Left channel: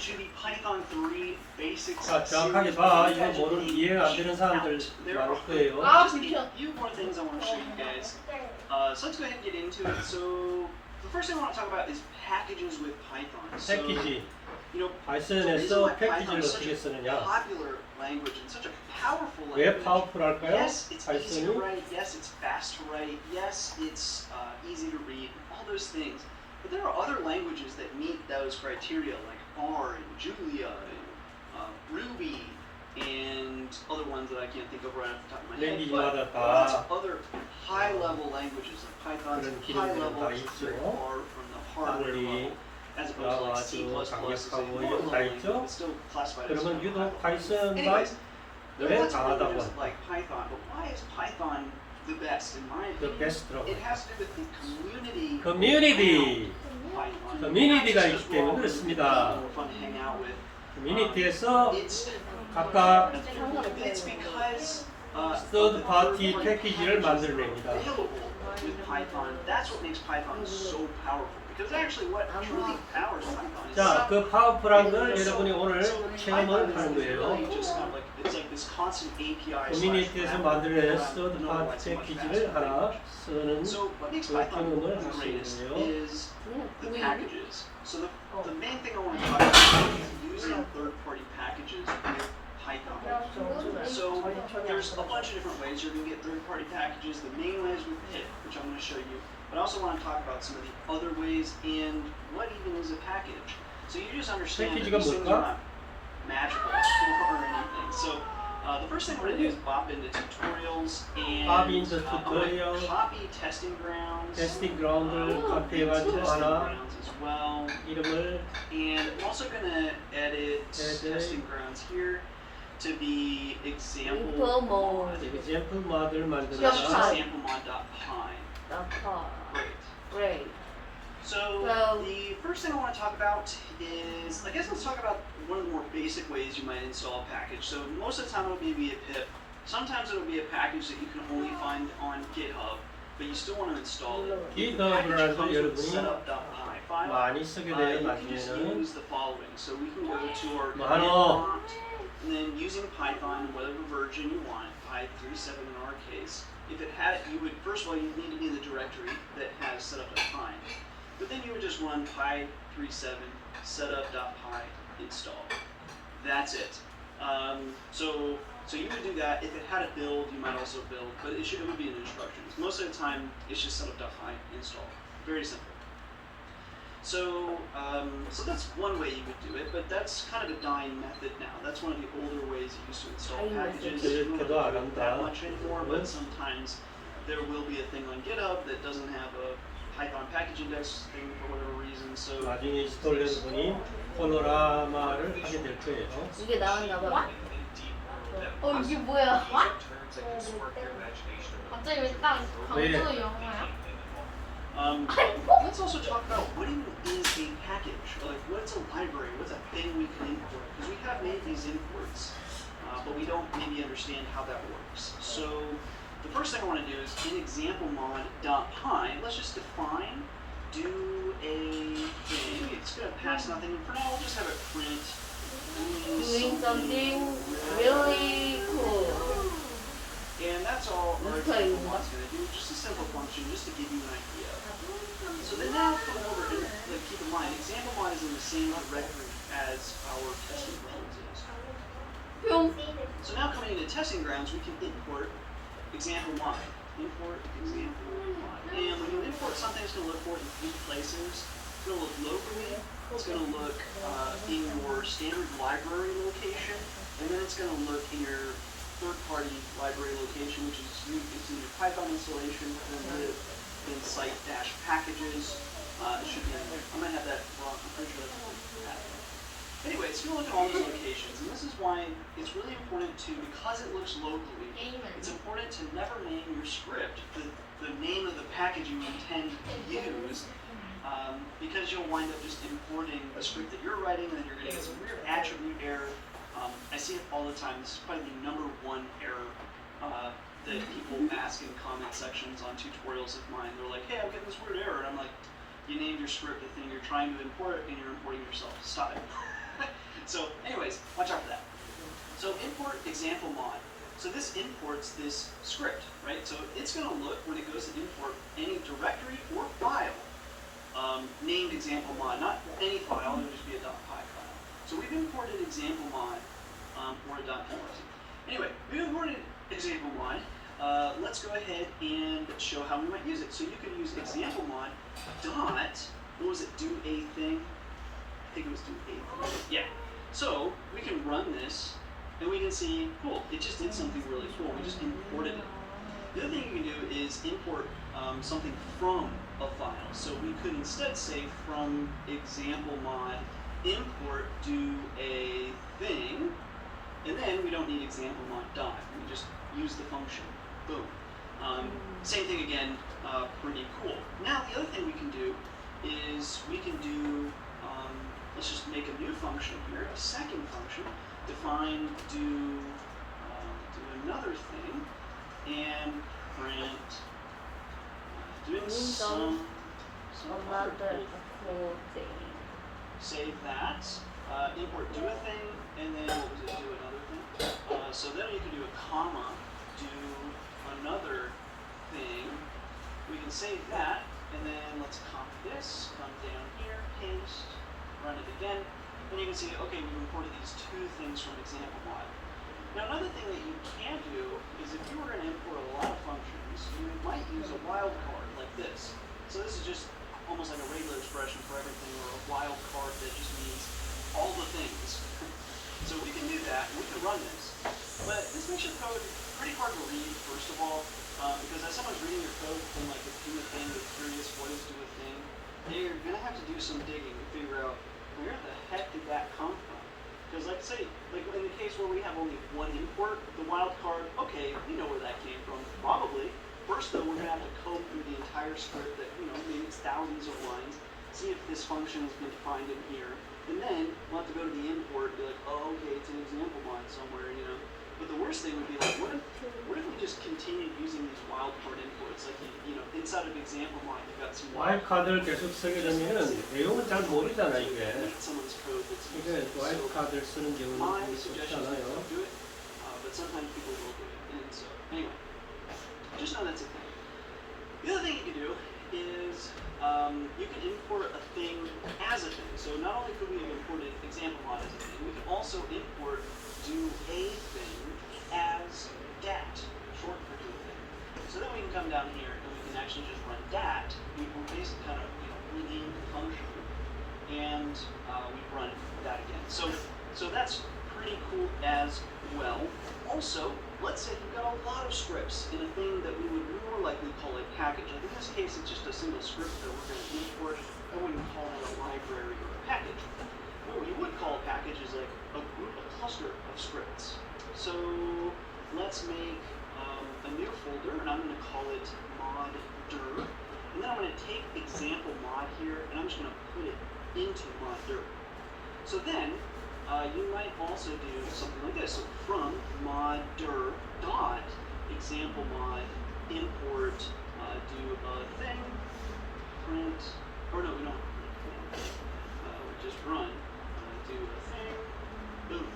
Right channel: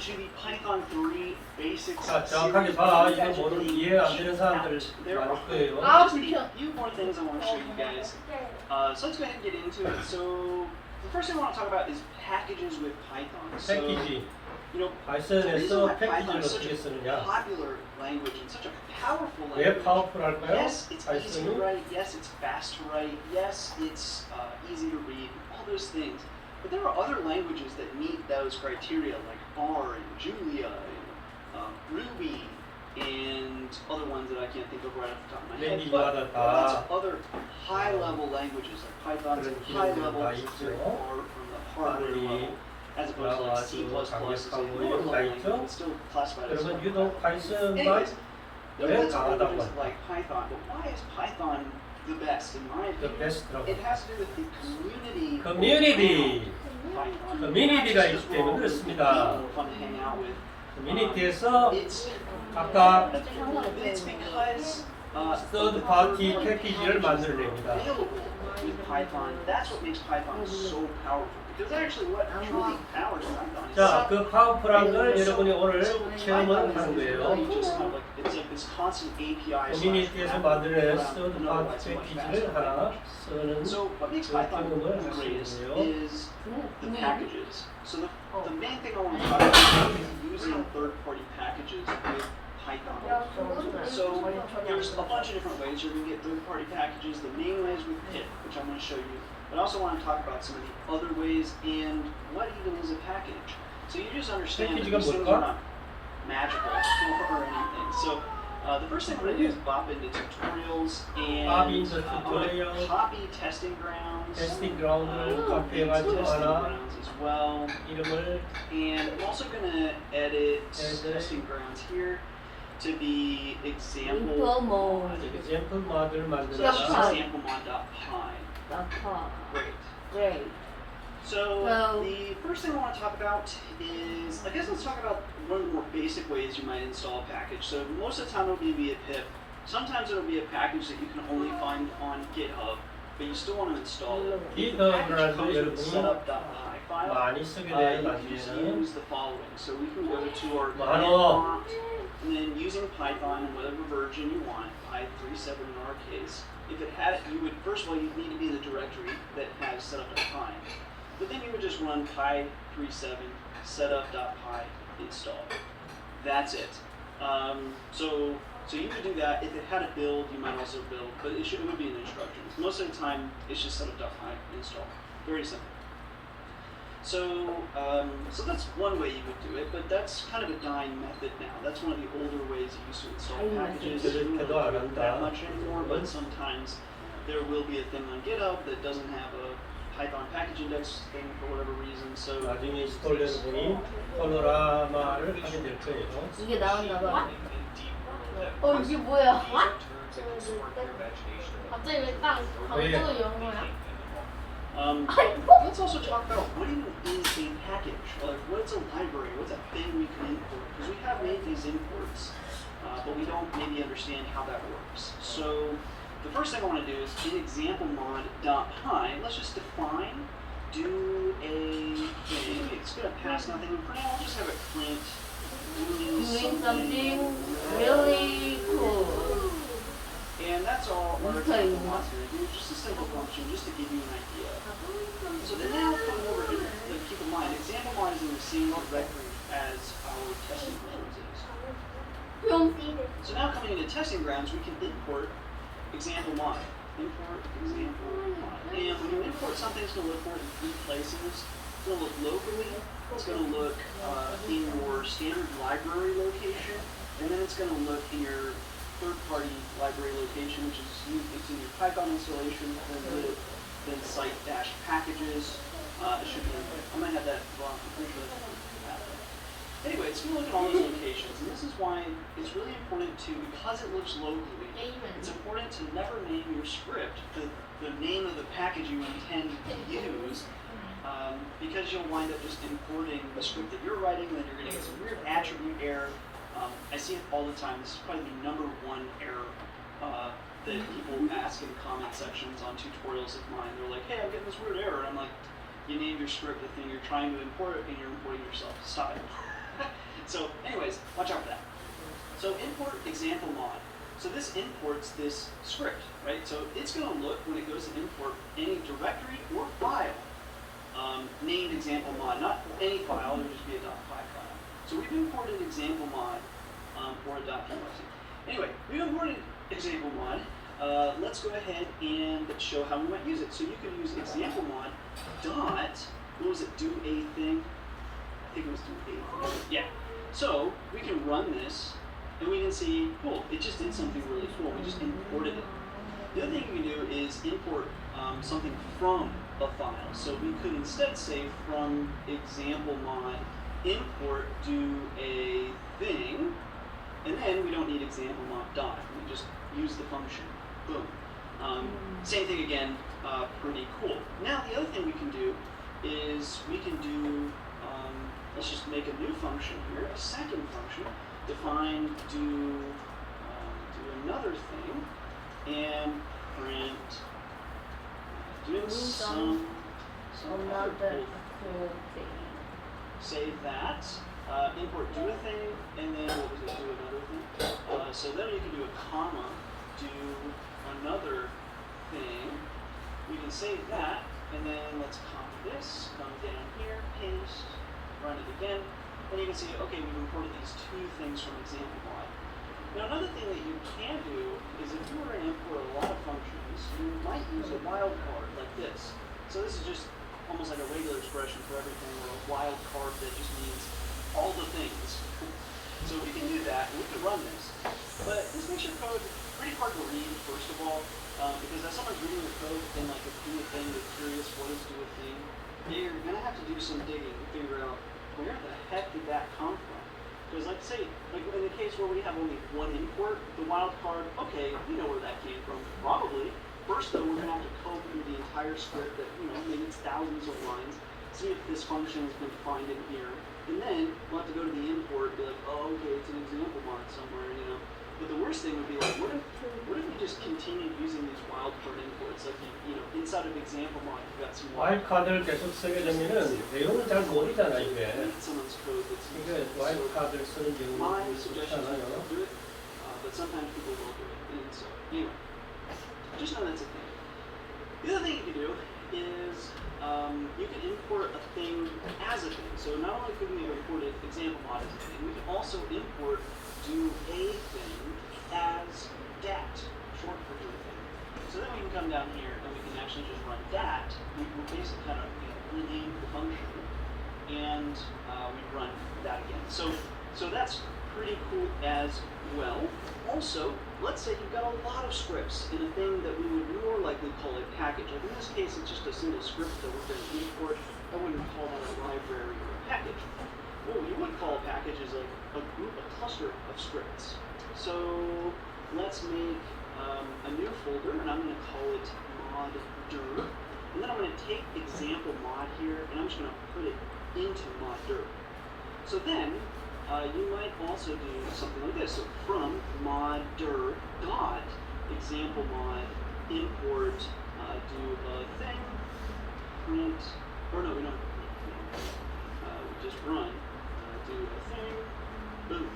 to the Python 3 basics 자, 정확하게 series. 봐. You 이거 guys are 뭐를 getting 이해 안 되는 사람들 there are 많을 거예요. just a few more things I want to show you guys. So let's go ahead and get into it. So the first thing I want to talk about is packages with Python. So, 패키지. you know, the 파이썬에서 reason why Python 패키지를 is such 어떻게 a 쓰느냐? popular language and such a powerful 왜 language. 파워풀할까요? Yes, it's easy to 파이썬이? write. Yes, it's fast to write. Yes, it's easy to read. All those things. But there are other languages that meet those criteria, like R and Julia and Ruby and other ones that I can't think of right off the top of my head. 랭귀지마다 But lots 다 of other high-level languages, like Python's 그런 high 기능들이 level, 다 it's very 있죠. far from the hardware 아무리 level, as opposed to like C++ is a 강력하고 lower 이런 level 거 language, 있죠? but still classified as 그러면 high 유독 level. 파이썬만 Anyways, there 왜 are lots of 강하다고 languages 할까? like Python, but why is Python the best in my The opinion? best라고. It has to do with the community. 커뮤니티. Python. 커뮤니티가 It's 있기 just 때문에 more 그렇습니다. fun to hang out with. 커뮤니티에서 It's 각각 because third party 패키지를 만들어냅니다. available with Python. That's what makes Python so powerful. Because actually, what truly powers Python is 자, 그 파워풀한 걸 여러분이 오늘 체험을 하는 거예요. It's like this constant API. 커뮤니티에서 만들어낸 third party 패키지를 하나 쓰는 So what makes 그 Python 경험을 the 하시는 greatest 거예요. is the packages. So the main thing I want to talk about is using third-party packages with Python. So there's a bunch of different ways you can get third-party packages. The main way is with pip, which I'm going to show you. But I also want to talk about some of the other ways and what even is a package. So you just understand that these things are not magical or anything. So the first thing we're going to do is bop into tutorials and Bop into I'm tutorial. going to copy testing grounds. testingground을 카피해가지고 testing 하나 grounds as well. 이름을 And I'm also going to edit testing grounds here to be examplemod. examplemod을 So that's just 만들어라. examplemod.pyele. Great. Great. So Well- the first thing I want to talk about is, I guess let's talk about one of the more basic ways you might install a package. So most of the time it'll be via pip. Sometimes it'll be a package that you can only find on GitHub, but you still want to install it. If the package comes with a setup.py file, 많이 쓰게 you 돼요, can just 나중에는. use the following. So we can go to our 많어. command prompt, and then using Python, whatever version you want, Py 3.7 in our case, if it had it, you would, first of all, you'd need to be in the directory that has setup.py. But then you would just run Py 3.7 setup.py install. That's it. So you would do that. If it had a build, you might also build, but it would be in the instructions. Most of the time, it's just setup.py install. Very simple. So that's one way you would do it, but that's kind of a dying method now. That's one of the older ways you used to install Dying packages. method. You don't 그래도 안 have to do that 한다. much anymore, but sometimes there will be a thing on GitHub that doesn't have a Python package index thing for whatever reason. So 나중에 인스톨되는 분이 colorama를 하게 될 거예요. 이게 나왔나봐. 이게 뭐야? 갑자기 왜 딱 강조 영어야? let's also talk about what even is a package. Like, what's a library? What's a thing we can import? Because we have made these imports, but we don't maybe understand how that works. So the first thing I want to do is in examplemod.pyele, let's just define, do a thing. It's going to pass nothing. And for now, I'll just have it print Doing something really cool. And that's all our Okay. examplemod's going to do. Just a simple function, just to give you an idea. So then now going over here, like, keep in mind, examplemod is in the same directory as our testing grounds is. 뿅. So now coming into testing grounds, we can import examplemod. Import examplemod. And when you import something, it's going to look for it in three places. It's going to look locally, it's going to look in your standard library location, and then it's going to look in your third-party library location, which is it's in your Python installation, then lib, then site-packages. It should be. I'm gonna have that wrong. I'm pretty sure that's anyway, it's gonna look at all those locations, and this is why it's really important to, because it looks locally, it's important to never name your script the name of the package you intend to use, because you'll wind up just importing a script that you're writing, and then you're gonna get some weird attribute error. I see it all the time. This is probably the number one error that people ask in comment sections on tutorials of mine. They're like, hey, I'm getting this weird error. And I'm like, you named your script the thing you're trying to import, and you're importing yourself. Stop it. So anyways, watch out for that. So import example mod. So this imports this script, right? So it's going to look when it goes to import any directory or file named example mod, not any file, it'll just be a .py file. So we've imported example mod for a .py. Anyway, we've imported example mod. Let's go ahead and show how we might use it. So you can use example mod dot, what was it, do a thing? I think it was do a thing. Yeah. So we can run this and we can see, cool, it just did something really cool. We just imported it. The other thing you can do is import something from a file. So we could instead say from example mod import do a thing, and then we don't need example mod dot. We just use the function. Boom. Same thing again, pretty cool. Now the other thing we can do is we can do, let's just make a new function here, a second function, define do another thing, and print doing some other cool thing. Save that, import do a thing, and then what was it, do another thing? So then you can do a comma, do another thing. We can save that, and then let's copy this, come down here, paste, run it again, and you can see, okay, we've imported these two things from example mod. Now another thing that you can do is if you were going to import a lot of functions, you might use a wildcard like this. So this is just almost like a regular expression for everything, or a wildcard that just means all the things. So we can do that, and we can run this. But this makes your code pretty hard to read, first of all, because as someone's reading your code, then like if do a thing, they're curious what is do a thing, they're going to have to do some digging to figure out where the heck did that come from? Because like say, like in the case where we have only one import, the wildcard, okay, we know where that came from, probably. First though, we're going to have to comb through the entire script that, maybe it's thousands of lines, see if this function has been defined in here, and then we'll have to go to the import and be like, oh, okay, it's an example mod somewhere, But the worst thing would be like, what if we just continued using these wildcard imports? Like, inside of example mod, you've got some 와일드카드를 계속 쓰게 되면은 내용을 잘 모르잖아 이게. someone's code that's 이게 와일드카드를 쓰는 my 경우는 suggestion is 없잖아요. don't do it, but sometimes people will do it. And so, anyway, just know that's a thing. The other thing you can do is you can import a thing as a thing. So not only could we have imported example mod as a thing, we can also import do a thing as dat, short for do a thing. So then we can come down here and we can actually just run dat. We basically kind of rename the function, and we run that again. So that's pretty cool as well. Also, let's say you've got a lot of scripts in a thing that we would more likely call a package. Like in this case, it's just a single script that we're going to import. I wouldn't call it a library or a package. What we would call a package is like a group, a cluster of scripts. So let's make a new folder, and I'm going to call it moddir. And then I'm going to take example mod here, and I'm just going to put it into moddir. So then you might also do something like this. So from moddir dot example mod import do a thing, print, or no, we don't print thing. We just run do a thing, boom.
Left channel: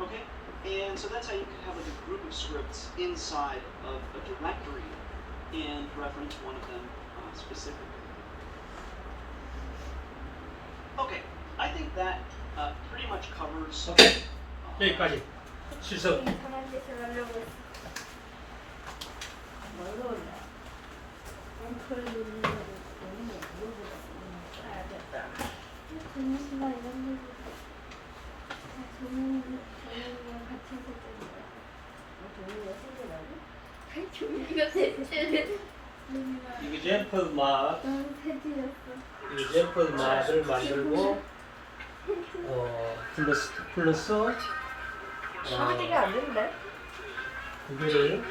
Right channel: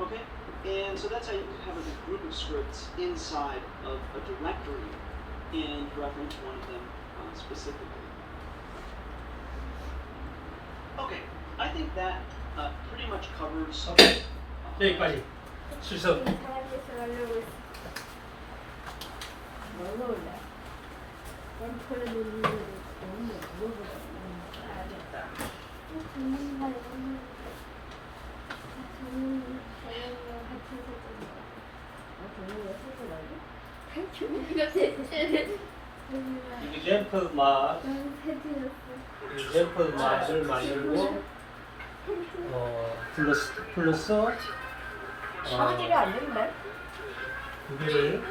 Okay, and so that's how you can have a group of scripts inside of a directory and reference one of them specifically. Okay, I think that pretty much covers. 오케이. 여기까지. 실습. 뭘로 올려? 엔터를 누르는 거 너무 물어보다 알겠다. 정말 이런 거 정말 같이 있었습니다. 정말 생각나요? 종이가 대체 example mod을 만들고 플러스 아버지가 안 된대. 두 개를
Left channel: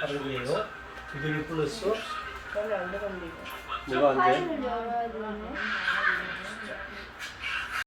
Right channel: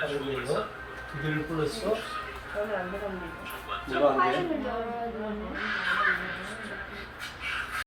하는 거예요. 두 개를 플러스 그러면 안 되겠는데. 뭐가 안 돼? 파일을 열어야 되네.